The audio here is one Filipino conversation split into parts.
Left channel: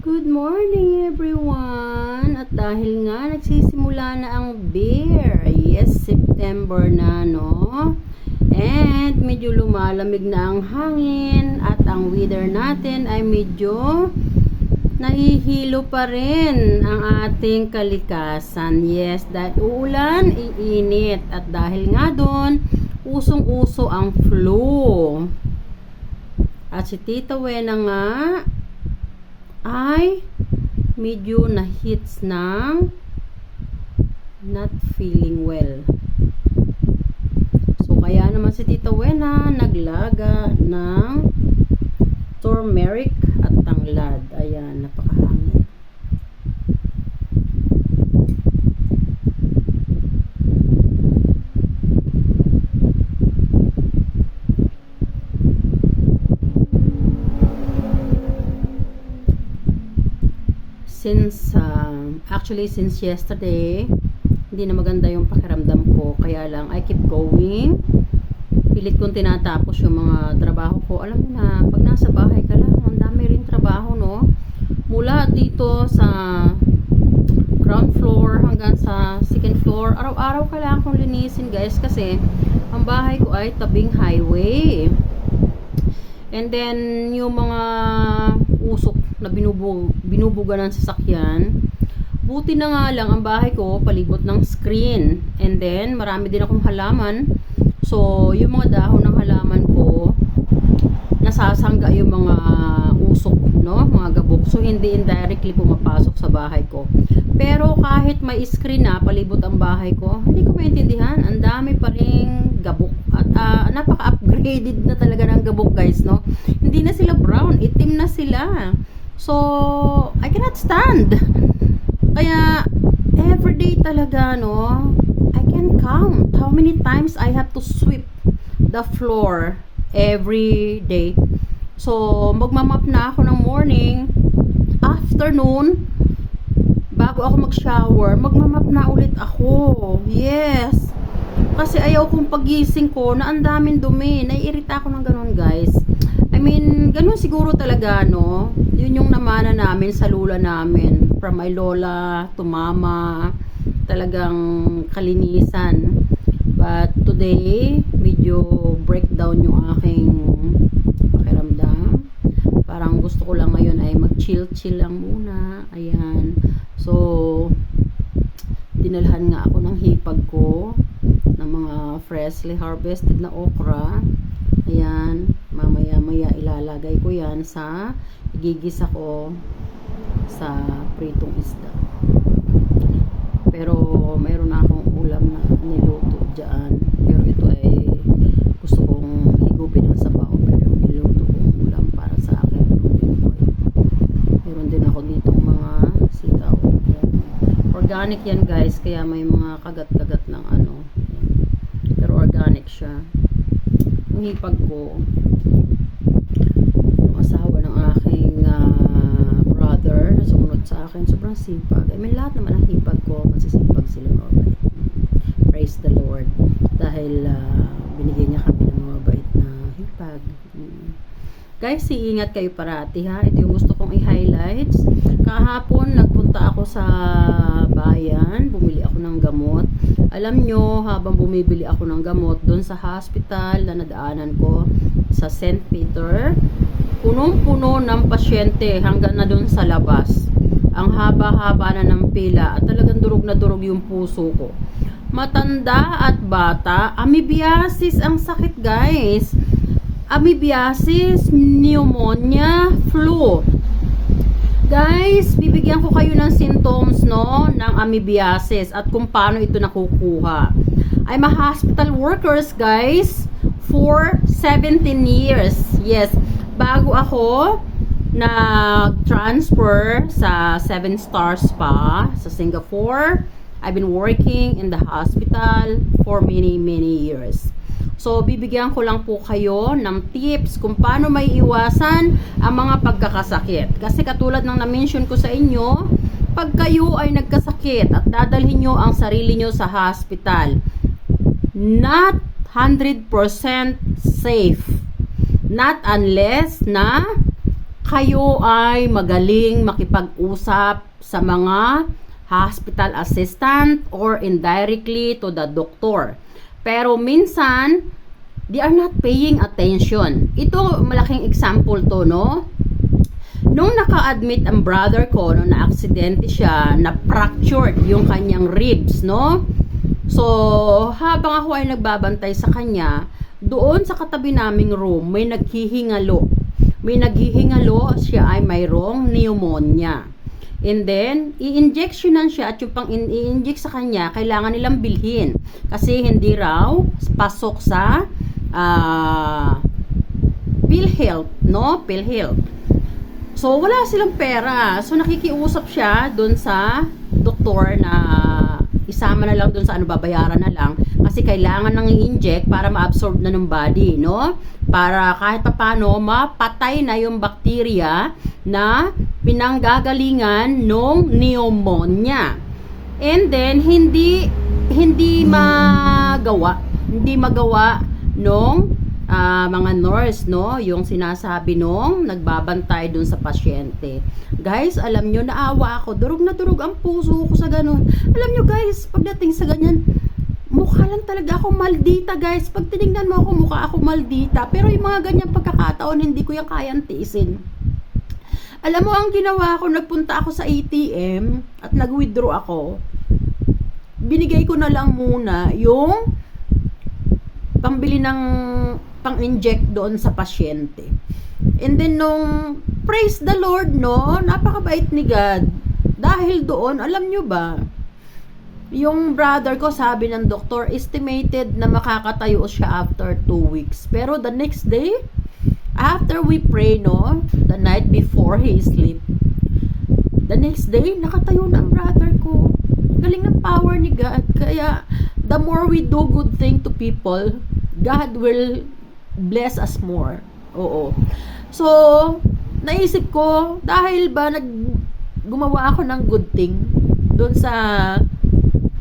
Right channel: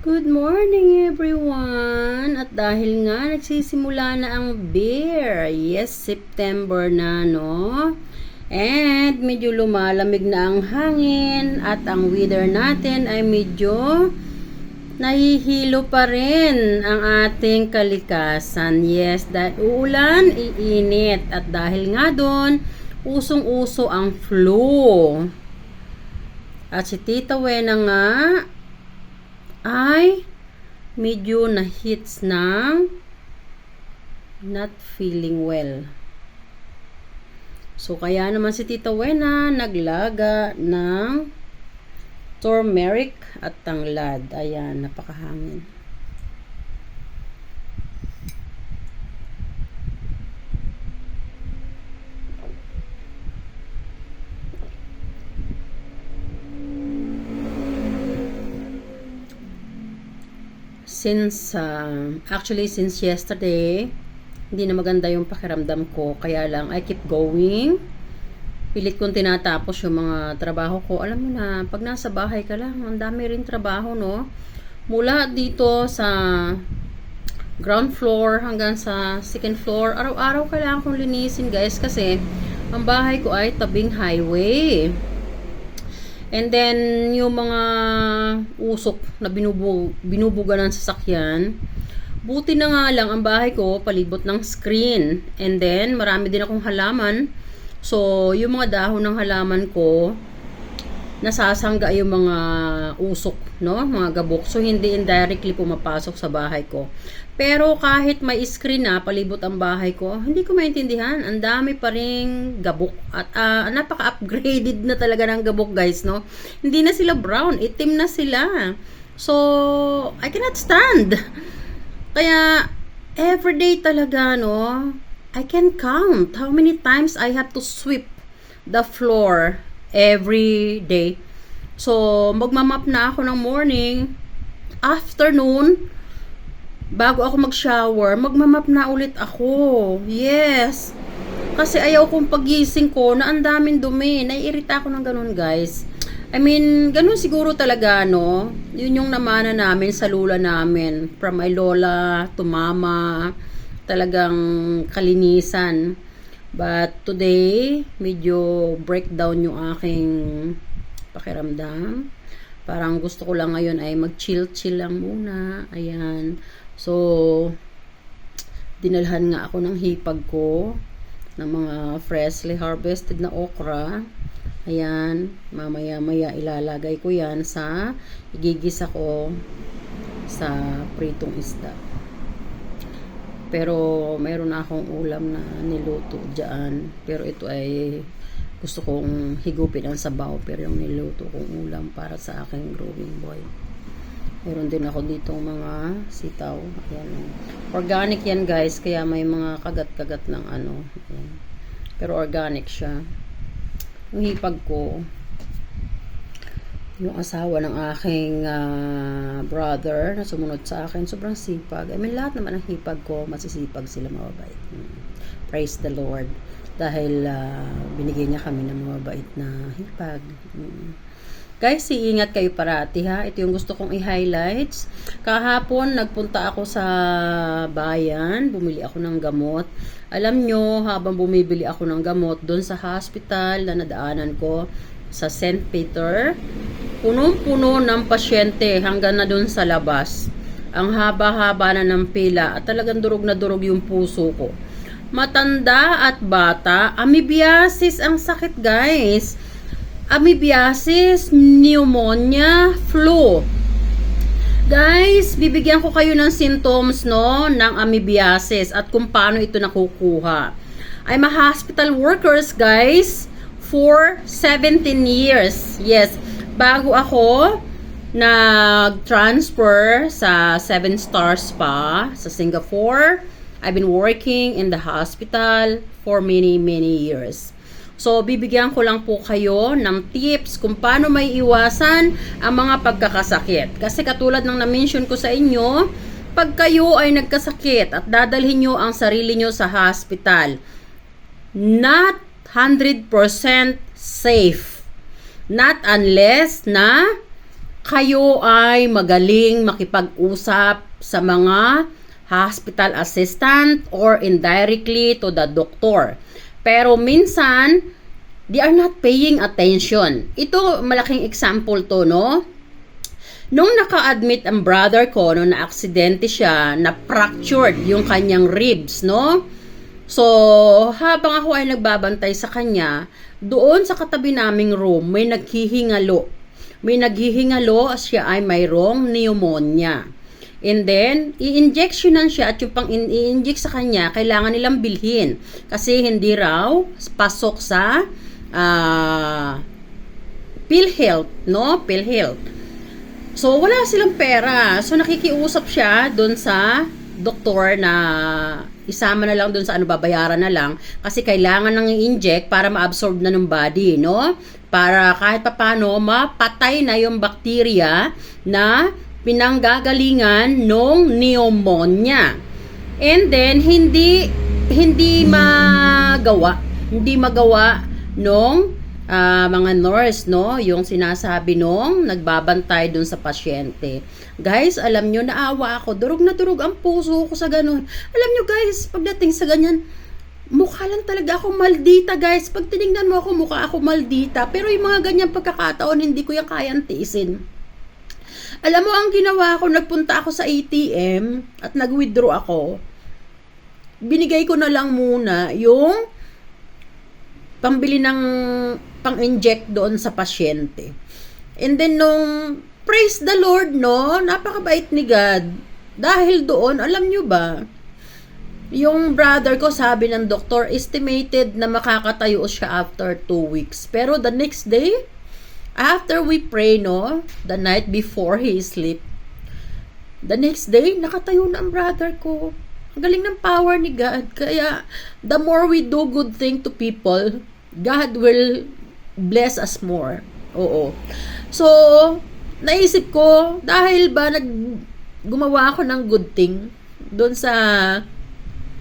Good morning everyone! At dahil nga nagsisimula na ang beer, yes, September na, no? And medyo lumalamig na ang hangin at ang weather natin ay medyo nahihilo pa rin ang ating kalikasan. Yes, dahil uulan, iinit. At dahil nga doon, usong-uso ang flu. At si Tita Wena nga ay medyo na-hits ng not feeling well. So, kaya naman si Tita Wena naglaga ng turmeric at tanglad. Ayan, napakahangin. Since yesterday, hindi na maganda yung pakiramdam ko. Kaya lang, I keep going. Pilit kong tinatapos yung mga trabaho ko. Alam mo na, pag nasa bahay ka lang, ang dami rin trabaho, no? Mula dito sa ground floor hanggang sa second floor, araw-araw kailangan kong linisin, guys, kasi ang bahay ko ay tabing highway. And then, yung mga usok na binubuga ng sasakyan, buti na nga lang ang bahay ko palibot ng screen. And then, marami din akong halaman. So, yung mga dahon ng halaman ko, nasasangga yung mga usok, no? Mga gabok. So, hindi indirectly pumapasok sa bahay ko. Pero, kahit may screen na palibot ang bahay ko, hindi ko maintindihan. Ang dami pa ring gabok. At napaka-upgraded na talaga ng gabok, guys, no? Hindi na sila brown. Itim na sila. So, I cannot stand. Kaya, everyday talaga, no? I can count how many times I have to sweep the floor every day. So, magmamap na ako ng morning, afternoon, bago ako mag-shower, magmamap na ulit ako. Yes. Kasi ayaw kong pagising ko na ang daming dumi. Naiirita ako ng ganun, guys. I mean, ganun siguro talaga, no? Yun yung namana namin sa lula namin. From my lola to mama. Talagang kalinisan. But today, medyo breakdown yung aking pakiramdam. Parang gusto ko lang ngayon ay mag-chill-chill lang muna. Ayan. So, dinalhan nga ako ng hipag ko ng mga freshly harvested na okra. Ayan. Mamaya-maya ilalagay ko yan sa igigisa ko sa pritong isda. Pero mayroon na akong ulam na niluto dyan. Pero ito ay gusto kong higupin ang sabaw. Pero niluto kong ulam para sa aking growing boy. Meron din ako dito mga sitaw. Ayan. Organic yan, guys. Kaya may mga kagat-kagat ng ano. Ayan. Pero organic siya. Yung hipag ko, yung asawa ng aking brother na sumunod sa akin, sobrang sipag. I mean, lahat naman ng hipag ko, masisipag sila, mga bait. Praise the Lord. Dahil binigyan niya kami ng mga bait na hipag. Guys, iingat kayo parati, ha. Ito yung gusto kong i-highlights. Kahapon, nagpunta ako sa bayan. Bumili ako ng gamot. Alam nyo, habang bumibili ako ng gamot doon sa hospital na nadaanan ko sa St. Peter, punong-puno ng pasyente hanggang na doon sa labas. Ang haba-haba na ng pila at talagang durog na durog yung puso ko. Matanda at bata, amoebiasis ang sakit, guys. Amoebiasis, pneumonia, flu. Guys, bibigyan ko kayo ng symptoms, no, ng amoebiasis at kung paano ito nakukuha. I'm a hospital workers, guys, for 17 years. Yes, bago ako nag-transfer sa 7-star spa sa Singapore, I've been working in the hospital for many years. So, bibigyan ko lang po kayo ng tips kung paano may iwasan ang mga pagkakasakit. Kasi katulad ng na-mention ko sa inyo, pag kayo ay nagkasakit at dadalhin nyo ang sarili nyo sa hospital, not 100% safe. Not unless na kayo ay magaling makipag-usap sa mga hospital assistant or indirectly to the doctor. Pero minsan, they are not paying attention. Ito, malaking example to, no? Nung naka-admit ang brother ko, no, na aksidente siya, na fractured yung kanyang ribs, no? So, habang ako ay nagbabantay sa kanya, doon sa katabi naming room, may naghihingalo. May naghihingalo, siya ay mayroong pneumonia. And then, i-injectionan siya at yung pang i-inject sa kanya, kailangan nilang bilhin. Kasi hindi raw pasok sa PhilHealth, no? PhilHealth. So, wala silang pera. So, nakikiusap siya doon sa doktor na isama na lang doon sa babayaran na lang. Kasi kailangan nang i-inject para ma-absorb na ng body, no? Para kahit papano, mapatay na yung bakterya na pinanggagalingan ng pneumonia. And then, hindi magawa nung mga nurse, no, yung sinasabi nung nagbabantay dun sa pasyente. Guys, alam nyo, naawa ako, durog na durog ang puso ko sa ganun. Alam nyo guys, pagdating sa ganyan, mukha lang talaga ako maldita guys. Pag tinignan mo ako, mukha ako maldita. Pero yung mga ganyan pagkakataon, hindi ko yung kayang tiisin. Alam mo, ang ginawa ko, nagpunta ako sa ATM at nag-withdraw ako. Binigay ko na lang muna yung pambili ng pang-inject doon sa pasyente. And then nung praise the Lord, no, napakabait ni God. Dahil doon, alam nyo ba, yung brother ko, sabi ng doktor, estimated na makakatayo siya after 2 weeks. Pero the next day, after we pray, no, the night before he sleep, the next day, nakatayo na ang brother ko. Galing ng power ni God. Kaya, the more we do good thing to people, God will bless us more. Oo. So, naisip ko, dahil ba gumawa ako ng good thing doon sa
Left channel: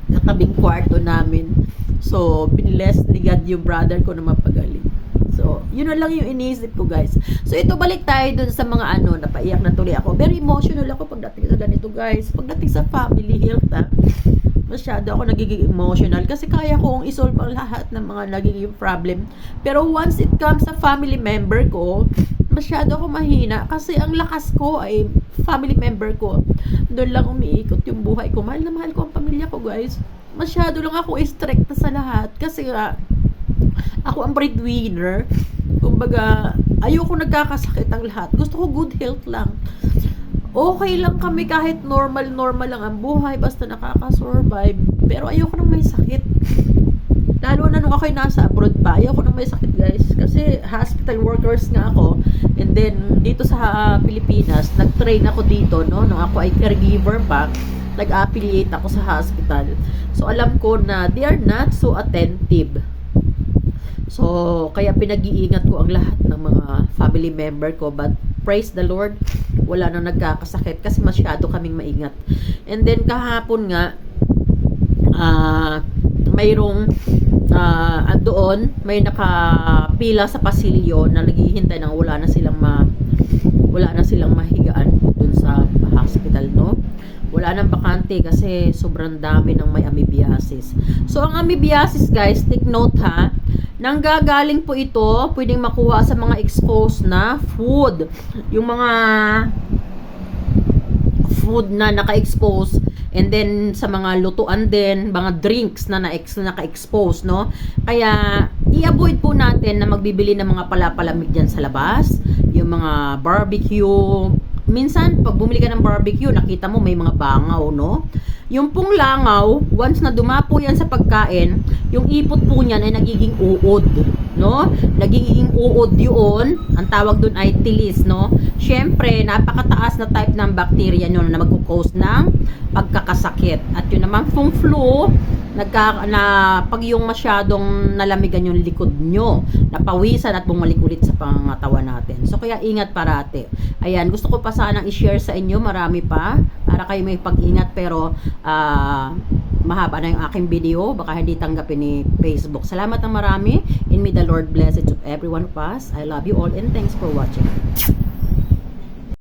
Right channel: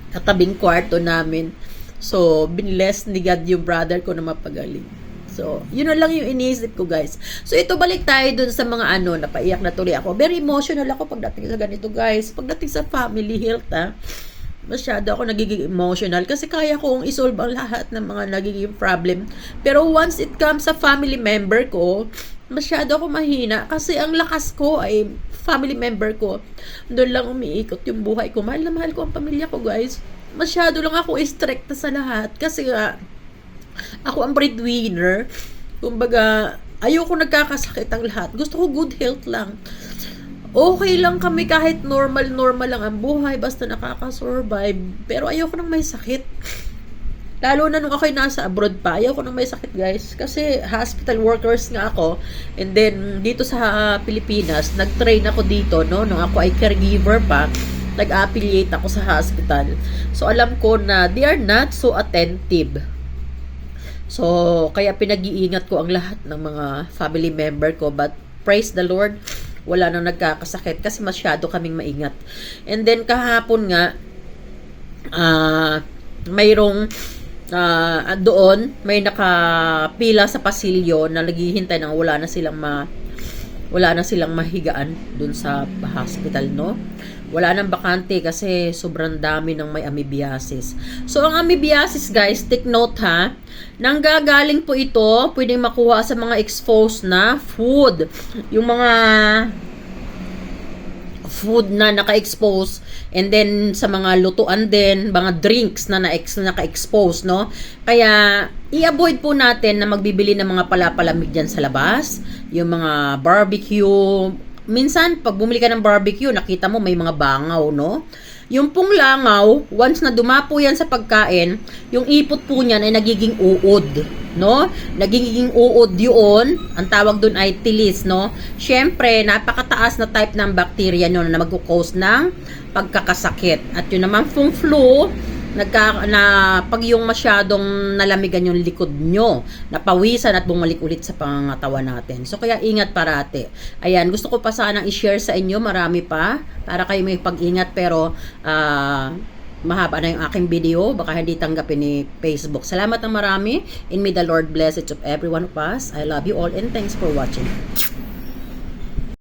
katabing kwarto namin. So, binless ni God yung brother ko na mapagaling. So, yun na lang yung iniisip ko guys. So, ito balik tayo doon sa mga napaiyak na tuloy ako. Very emotional ako pagdating sa ganito guys. Pagdating sa family health masyado ako nagiging emotional kasi kaya kong isolve ang lahat ng mga nagiging problem. Pero once it comes sa family member ko, masyado ako mahina kasi ang lakas ko ay family member ko. Doon lang umiikot yung buhay ko. Mahal na mahal ko ang pamilya ko guys. Masyado lang ako stricta sa lahat kasi ako ang breadwinner. Kumbaga, ayoko nagkakasakit ang lahat. Gusto ko good health lang. Okay lang kami kahit normal lang ang buhay basta nakaka-survive. Pero ayoko nang may sakit. Lalo na nung ako'y nasa abroad pa, ayoko nang may sakit guys. Kasi hospital workers nga ako. And then, dito sa Pilipinas, nag-train ako dito, no? Nung ako ay caregiver pa, nag-affiliate ako sa hospital. So, alam ko na they are not so attentive. So, kaya pinag-iingat ko ang lahat ng mga family member ko. But, praise the Lord, wala nang nagkakasakit kasi masyado kaming maingat. And then kahapon nga mayroong doon may nakapila sa pasilyo na naghihintay ng wala na silang mahigaan dun sa hospital, no? Wala nang bakante kasi sobrang dami ng may amoebiasis. So, ang amoebiasis guys, take note ha, nanggagaling po ito, pwedeng makuha sa mga exposed na food. Yung mga food na naka-expose and then sa mga lutuan din, mga drinks na naka-expose, no? Kaya, i-avoid po natin na magbibili ng mga palapalamig dyan sa labas, yung mga barbecue. Minsan, pag bumili ka ng barbecue, nakita mo may mga bangaw, no? Yung pong langaw, once na dumapo yan sa pagkain, yung ipot po niyan ay nagiging uod, no? Nagiging uod yun, ang tawag doon ay tilis, no? Siyempre, napakataas na type ng bacteria nyo na magkukause ng pagkakasakit. At yun naman pong flu, pag yung masyadong nalamigan yung likod nyo, napawisan at bumalik ulit sa pangangatawan natin. So, kaya ingat parati. Ayan, gusto ko pa sanang i-share sa inyo, marami pa, para kayo may pag-ingat, pero mahaba na yung aking video, baka hindi tanggapin ni Facebook. Salamat ng marami, and may the Lord bless each of every one of us. I love you all and thanks for watching.